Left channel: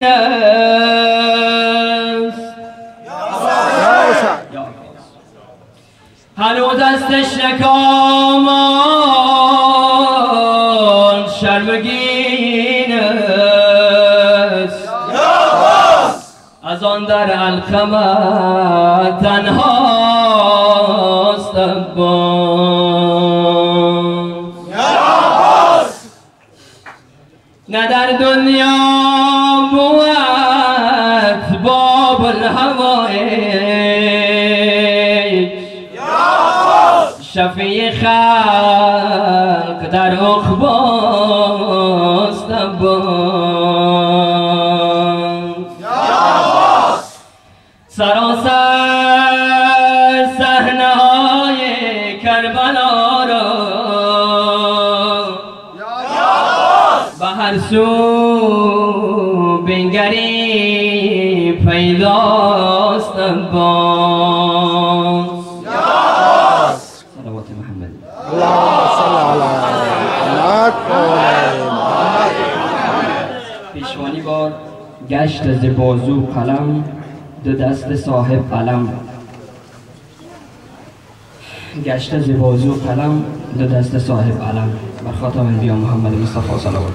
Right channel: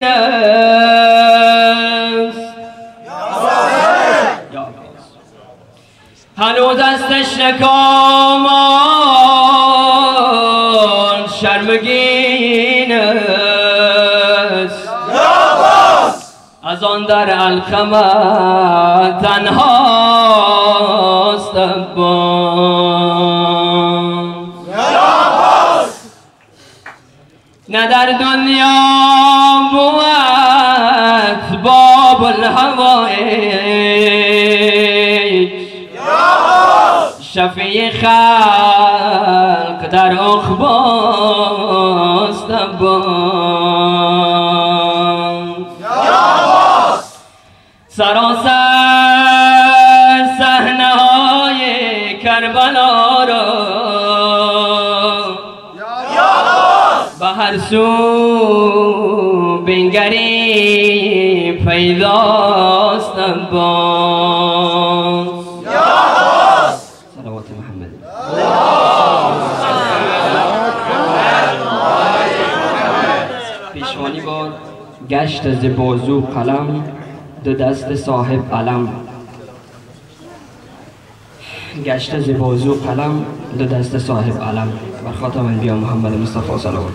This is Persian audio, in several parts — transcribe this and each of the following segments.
هنوز دستش نکامان شرمگین است از آن در القمر تنهاست نه در دنیا بود باب الهوایج شفیع خلق در عقباست سراسر صحنه های کربلا را به هر سو بنگری پیداست صلوات محمد. پیشوانی بار گشت از بازو قلم دو دست صاحب علم گشت از بازو قلم دو دست صاحب علم بر خاتم انبیا محمد مصطفی صلوات.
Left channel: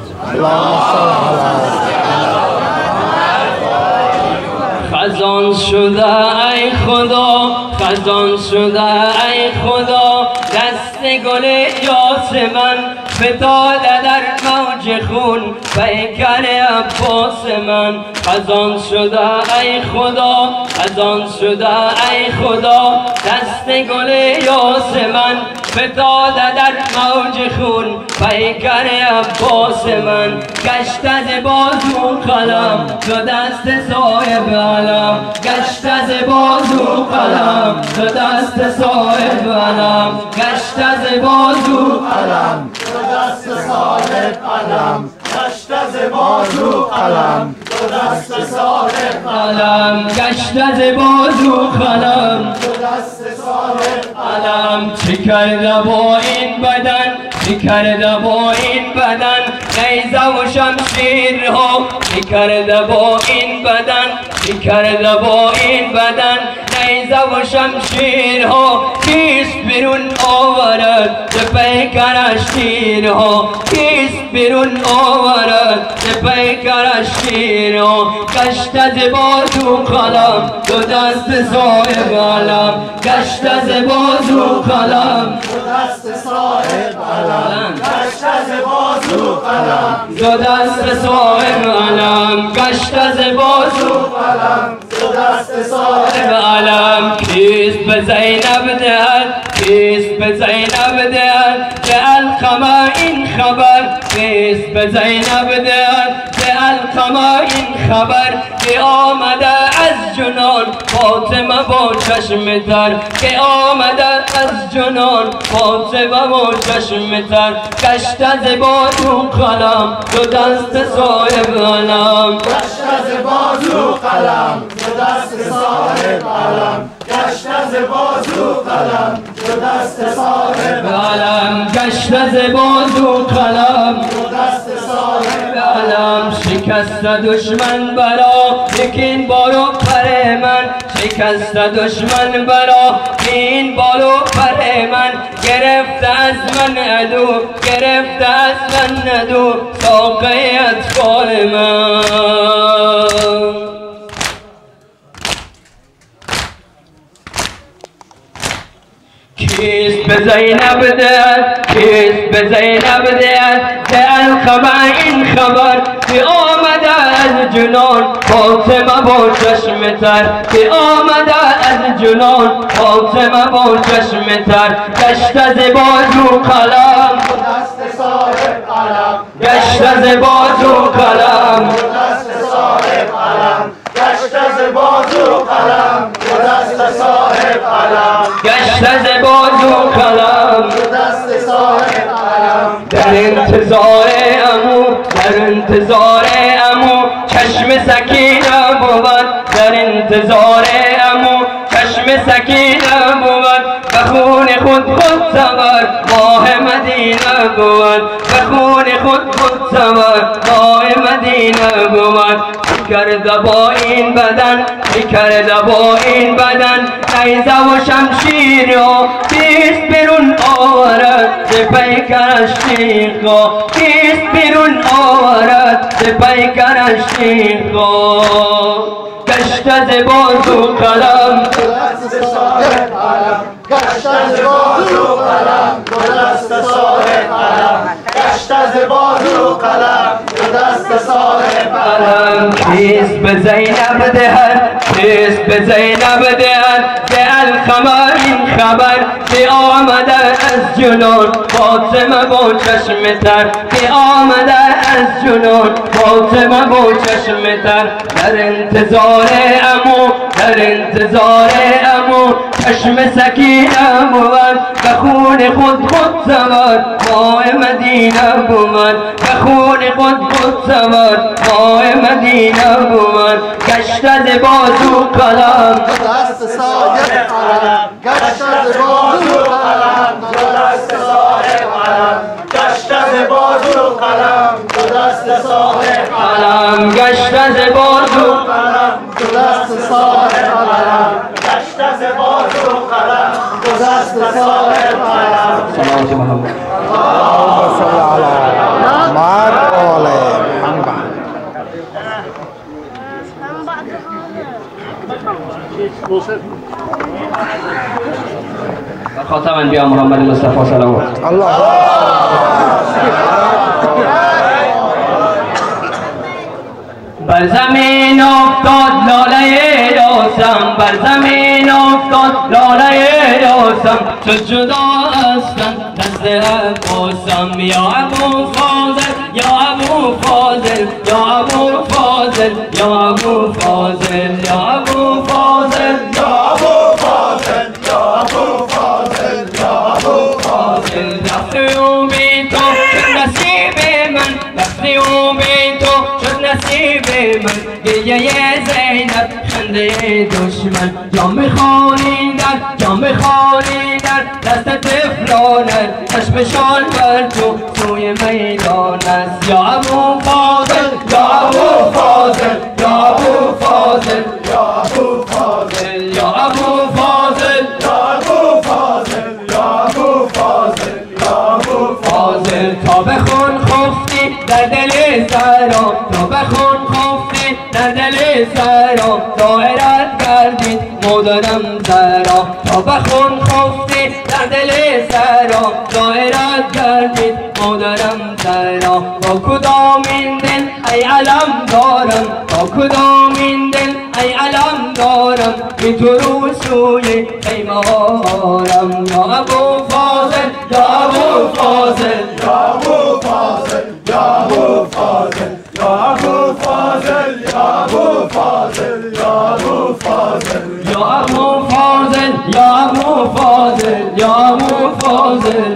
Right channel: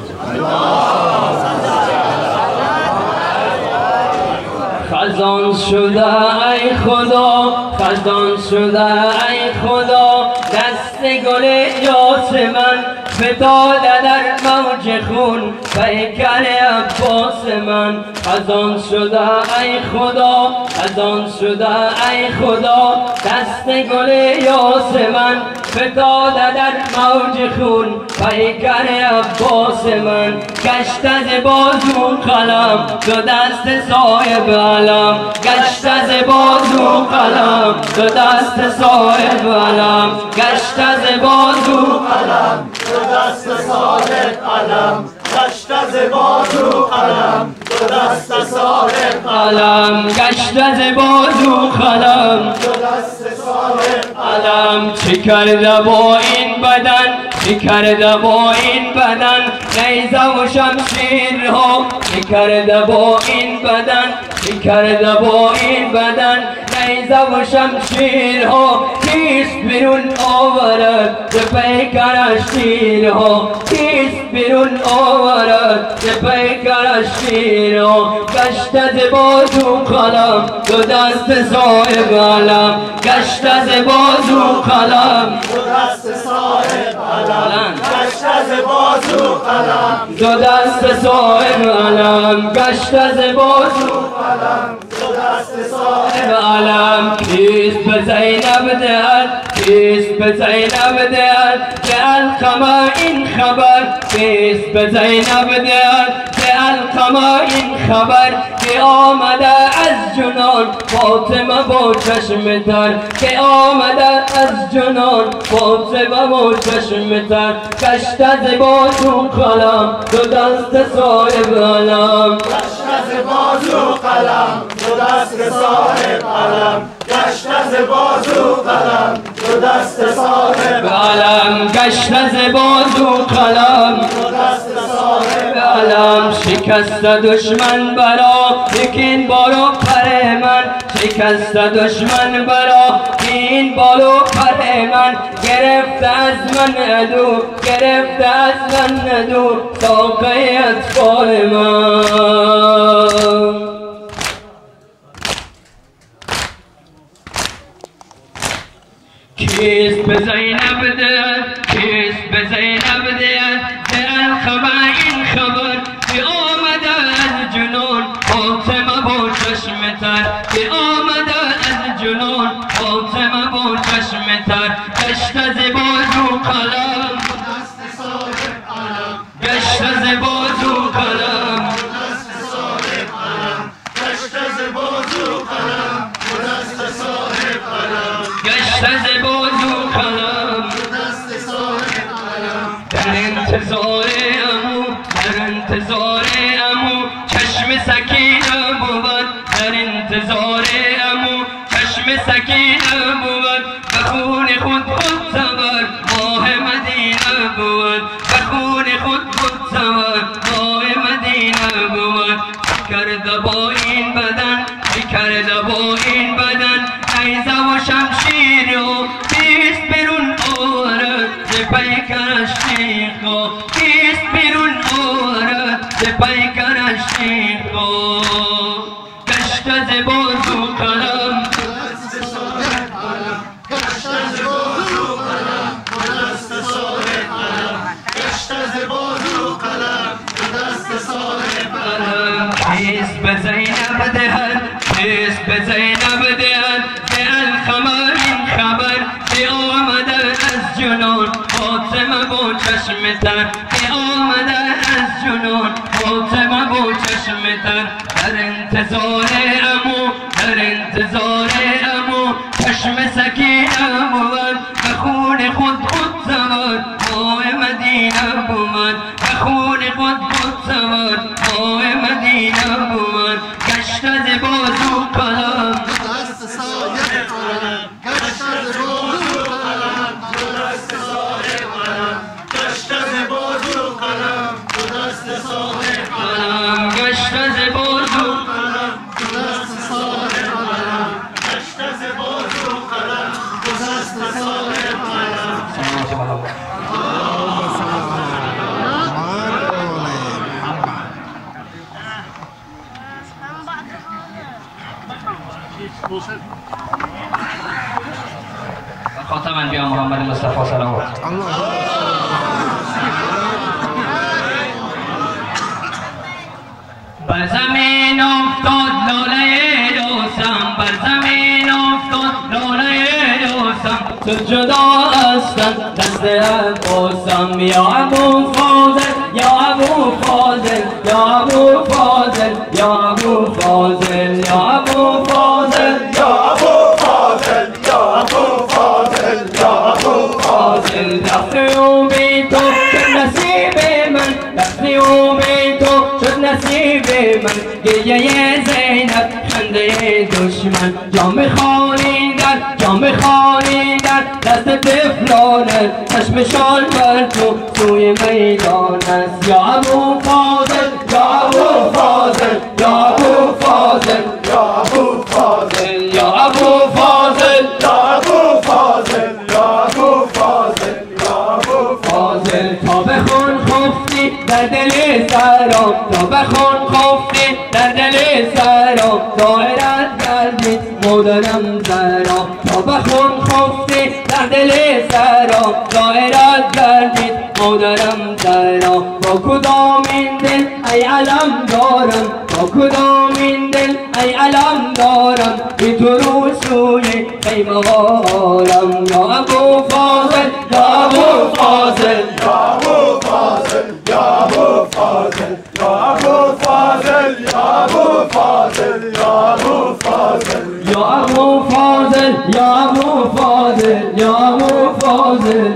خزان شده ای خدا خزان شده ای خدا دست گل یاسمن فتاده در موج خون پیکر عباس من خزان شده ای خدا خزان شده ای خدا دست گل یاسمن فتاده در موج خون پیکر عباس من گشت از بازو قلم دو دست صاحب علم گشت از بازو قلم دو دست صاحب علم گشت از بازو قلم دو دست صاحب علم گشت از بازو قلم دو دست صاحب علم گشت از بازو قلم دو دست صاحب علم چه کرده با این بدن چه کرده با این بدن نیزه و شمشیرها چه کرده با این بدن چه کرده با این بدن نیزه و شمشیرها کیست بیرون آورد ز پیکرش تیرها کیست بیرون آورد ز پیکرش تیرها گشت از بازو قلم دو دست صاحب علم گشت از بازو قلم دو دست صاحب علم گشت از بازو قلم دو دست صاحب علم گشت از بازو قلم دو دست صاحب علم کیست به زینب دهد کیست به زینب دهد به القمر این خبر کیست به زینب دهد به القمر این خبر که آمده از جنان فاطمه با چشم تر که آمده از جنان فاطمه با چشم تر گشت از بازو قلم دو دست صاحب علم گشت از بازو قلم دو دست صاحب علم گشت از بازو قلم دو دست صاحب علم گشت از بازو قلم دو دست صاحب علم شکست دشمن برا یکین بالو پر من شکست دشمن برا این بالو پر من گرفته از من عدو گرفته از من عدو ساقه اطفال من کیست به زینب دهد کیست به زینب دهد به القمر این خبر که آمده از جنان فاطمه با چشم تر که آمده از جنان فاطمه با چشم تر گشت از بازو قلم دو دست صاحب علم گشت از بازو قلم دو دست صاحب علم گشت از بازو قلم دو دست صاحب علم گشت از بازو قلم دو دست صاحب علم در انتظار عمو در انتظار عمو چشم سکینه بود در انتظار عمو چشم سکینه بود به خون خود سوار ماه مدینه بود به خون خود سوار ماه مدینه بود کرده با این بدن کرده با این بدن نیزه و شمشیر را کیست بیرون آورد ز پیکرش تیغا کیست بیرون آورد ز پیکرش تیغا گشت ز بازو قلم دست صاحب علم گشت ز بازو قلم دست صاحب علم گشت ز بازو قلم دست صاحب علم کیست به زینب دهد کیست به زینب دهد ز الخمر این خبر که آمده از جنون فاطمه با چشم تر که آمده از جنون فاطمه با چشم تر در انتظار امو در انتظار امو چشم سکینه بود به خون خود زمد ماه مدینه بود به خون خود زمد ماه مدینه بود گشت از بازو قلم دست صاحب علم گشت ز بازو قلم دست صاحب علم گشت ز بازو قلم دست صاحب علم گشت از بازو قلم دست صاحب علم گشت ز بازو قلم دست صاحب علم صلوات محمد اللهم صل على محمد وآل محمد. خاتم انبیاء محمد مصطفی صلوات الله بر زمین افتاد لاله یاسم بر زمین افتاد لاله یاسم تو جدا هستن دست عباسم یا ابو فاضل یا ابو فاضل یا ابو فاضل یا ابو فاضل یا ابو فاضل یا ابو فاضل یا ابو فاضل یا ابو فاضل رفتی و بی تو شد نصیب من رفتی و بی تو شد نصیب من گریه زینب خنده دشمن جام خانیدن جام خانیدن دست طفلانه چشمشان بر تو سوی میدان است یا ابو فاضل یا ابو فاضل یا ابو فاضل یا ابو فاضل یا ابو فاضل یا ابو فاضل یا ابو فاضل یا ابو فاضل تا بخون خفتی در دل سرام تا بخون خفتی در دل سرام دایرت گردید مادرم زهرا تا بخون خفتی در دل سرام دایرت گردید مادرم زهرا با کدام این دل ای علم دارم با کدام این دل ای علم دارم بی تو رو سوی خیمه آرم یا ابو فاضل یا ابو فاضل یا ابو فاضل یا ابو فاضل یا ابو فاضل یا ابو فاضل یا ابو فاضل یا ابو فاضل یا ابو فاضل یا ابو فاضل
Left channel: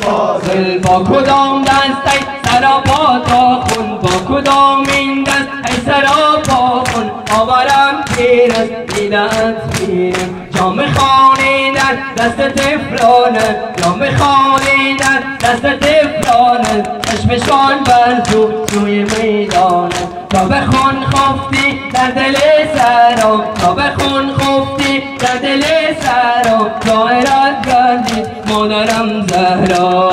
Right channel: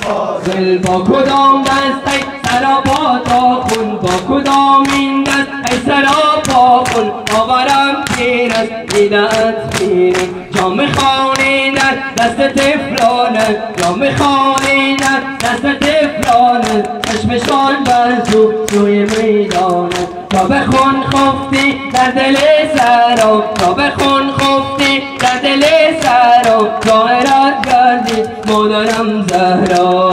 فاضل با کدام دست ای سراپا تا خون با کدام این دست ای سراپا خون آورم پیر است دیدت پیرم جام خانیدن دست طفلانه جام خانیدن دست طفلانه چشمشان بر تو سوی میدانه تا بخون خفتی در دل سرام تا بخون خفتی در دل سرام دایرت گردید مادرم زهرا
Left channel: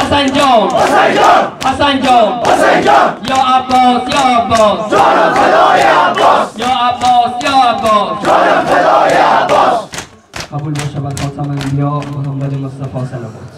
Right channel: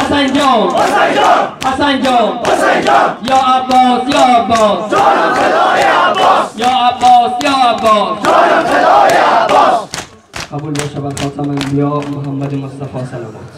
حسن جان حسن جان حسن جان حسن جان یا عباس یا عباس جانم فدای عباس یا عباس یا عباس جانم فدای عباس قبول باشه بر خاتم انبیاء محمد مصطفی صلوات